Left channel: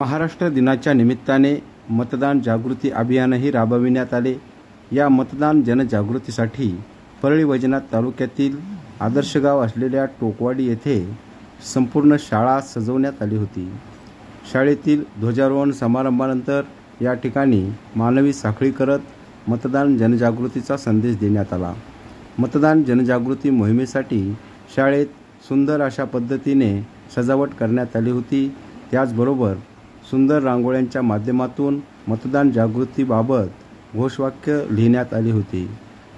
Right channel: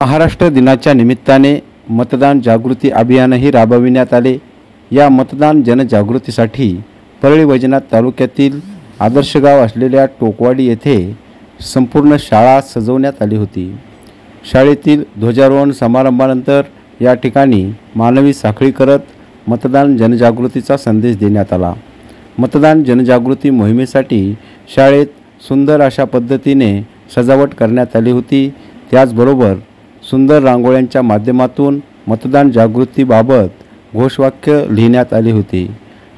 महाराष्ट्र दिनाच्या निमित्ताने मतदान जागृती अभियानही राबविण्यात आले। या मतदान जनजागृतीसाठी परळी वैजनाथ तालुक्यातील आदर्श गाव असलेल्या टोकवाडी येथे संपूर्ण शाळा सजवण्यात आली होती। शाळेतील ध्वजारोहण समारंभानंतर या ठिकाणी मानवी साखळी करत मतदान जनजागृतीचा संदेश देण्यात आला। मतदान जनजागृती मोहिमेसाठी शाळेत सुंदर अशा पद्धतीने सजावट करण्यात आली होती। त्याचबरोबर सुंदर रांगोळ्यांच्या माध्यमातून मतदान जागृतीबाबत घोषवाक्य लिहिण्यात आले होते।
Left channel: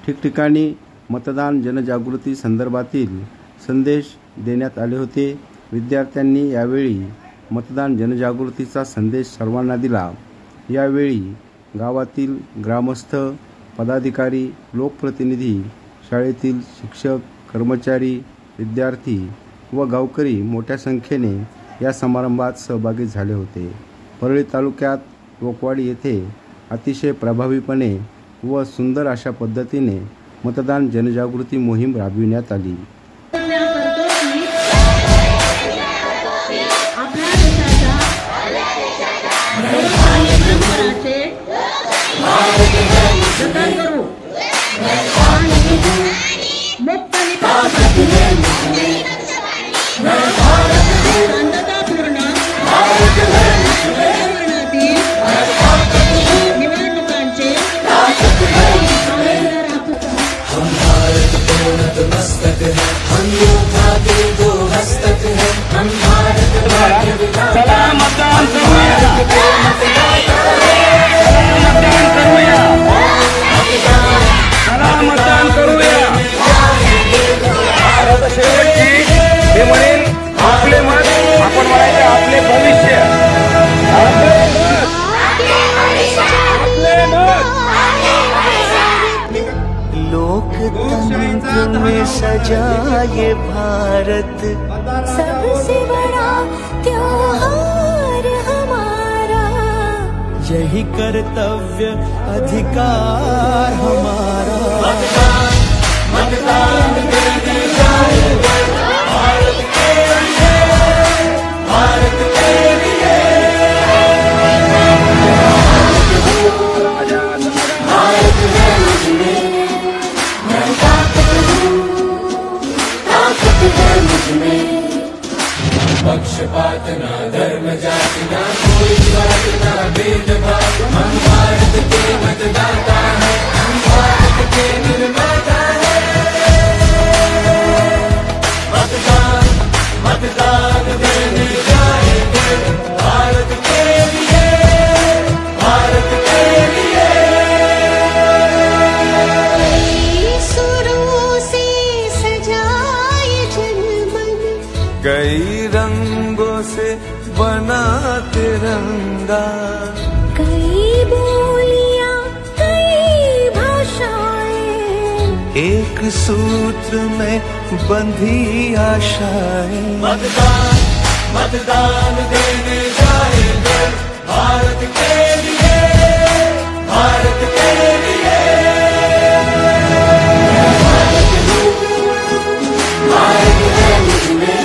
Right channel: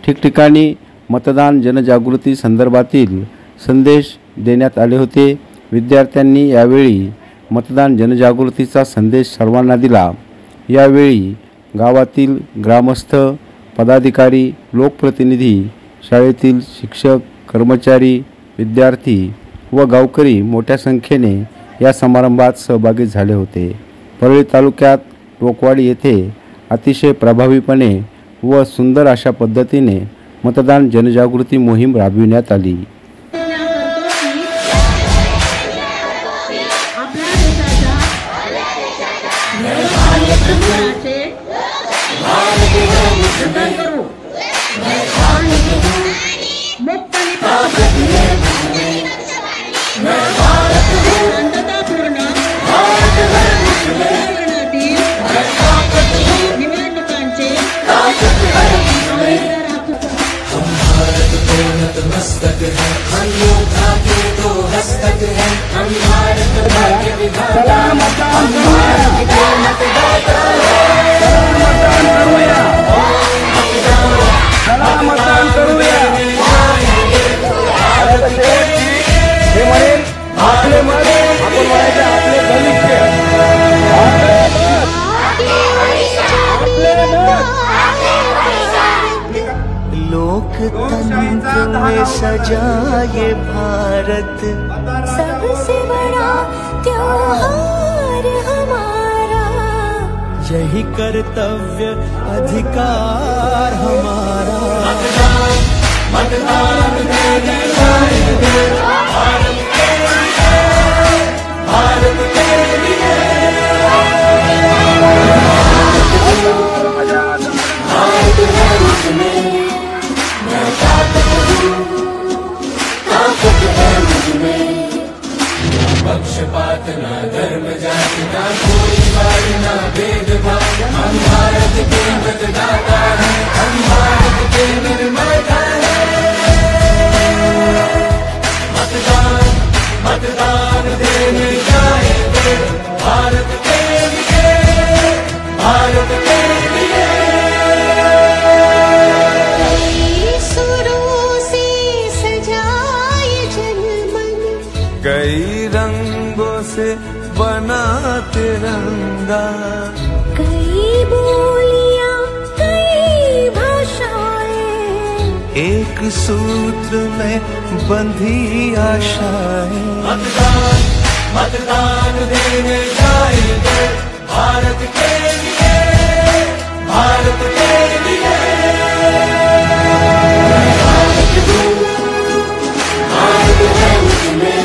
ठिकठिकाणी मतदान जनजागृती संदर्भातील संदेश देण्यात आले होते। विद्यार्थ्यांनी यावेळी मतदान जनजागृतीचा संदेश सर्वांना दिला। यावेळी गावातील ग्रामस्थ, पदाधिकारी, लोकप्रतिनिधी, शाळेतील शिक्षक, कर्मचारी, विद्यार्थी व गावकरी मोठ्या संख्येने या समारंभात सहभागी झाले होते। परळी तालुक्यात टोकवाडी येथे अतिशय प्रभावीपणे व सुंदर अशा पद्धतीने मतदान जनजागृती मोहीम राबविण्यात आली। हे म्हणेल आपले मत आपण म्हणायचे आपले भविष्य, लोकतंत्र में सजा ये भारत, सबसे बड़ा त्योहार हमारा, यही कर्तव्य अधिकार हमारा। मतदान देने जाएंगे भारत के लिए, भारत के लिए। भारत है मुझमें, मैं ताकत है मुझमें, पक्षपात ना धर्म जाति ना कोई बात ना भेदभाव। हम भारत के मतदाता हैं, हम भारत के निर्माता हैं। मतदान देने जाएंगे भारत के लिए, भारत के लिए। कई सुरों से सजाए जनमन, कई रंगों से बना तिरंगा, कई बोलियां कई भाषाएं, एक सूत्र में बंधी आशाएं। मतदान मतदान देने जाएंगे भारत के लिए, भारत के लिए। भारत हूँ, भारत है मुझमें,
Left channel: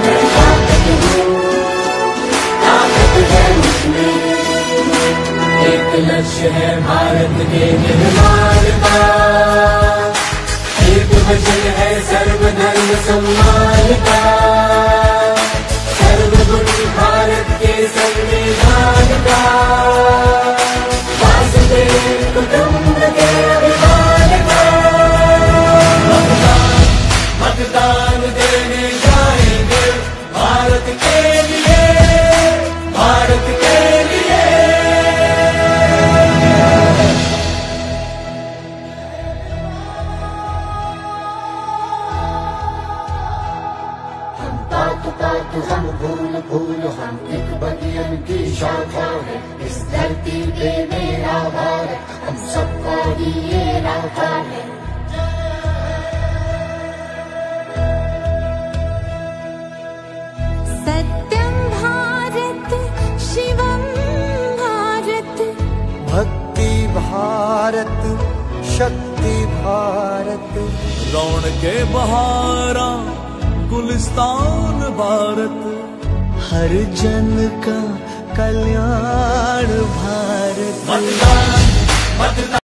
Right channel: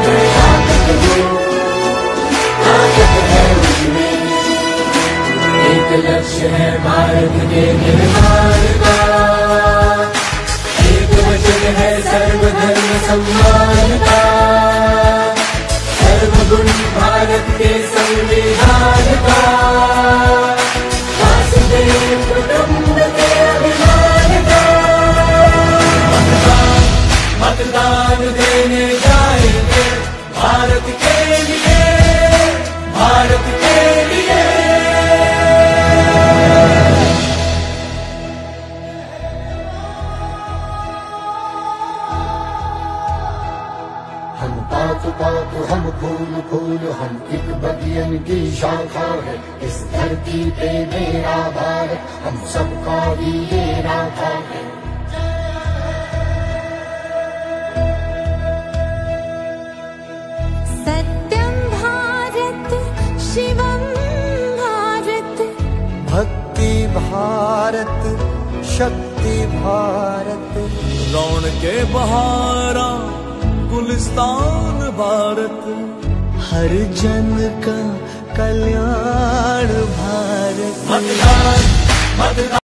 मैं भारत हूँ, भारत है मुझमें। एक लक्ष्य है भारत के निर्माण का, एक वचन है सर्वधर्म सम्मान का, सर्वगुणी भारत के संविधान का, वासुदेव कुटुंब के अभिमान का। मतदान देने जाएंगे भारत के लिए, भारत के लिए। हम फूल फूल हम एक बतियन की शाखा है, इस धरती पे मेरा भारत हम सबका ही ये राधा है। सत्यम भारत शिवम भारत, भक्ति भारत शक्ति भारत, रौनके बहारा गुलिस्तान भारत, हर जन का कल्याण भारत।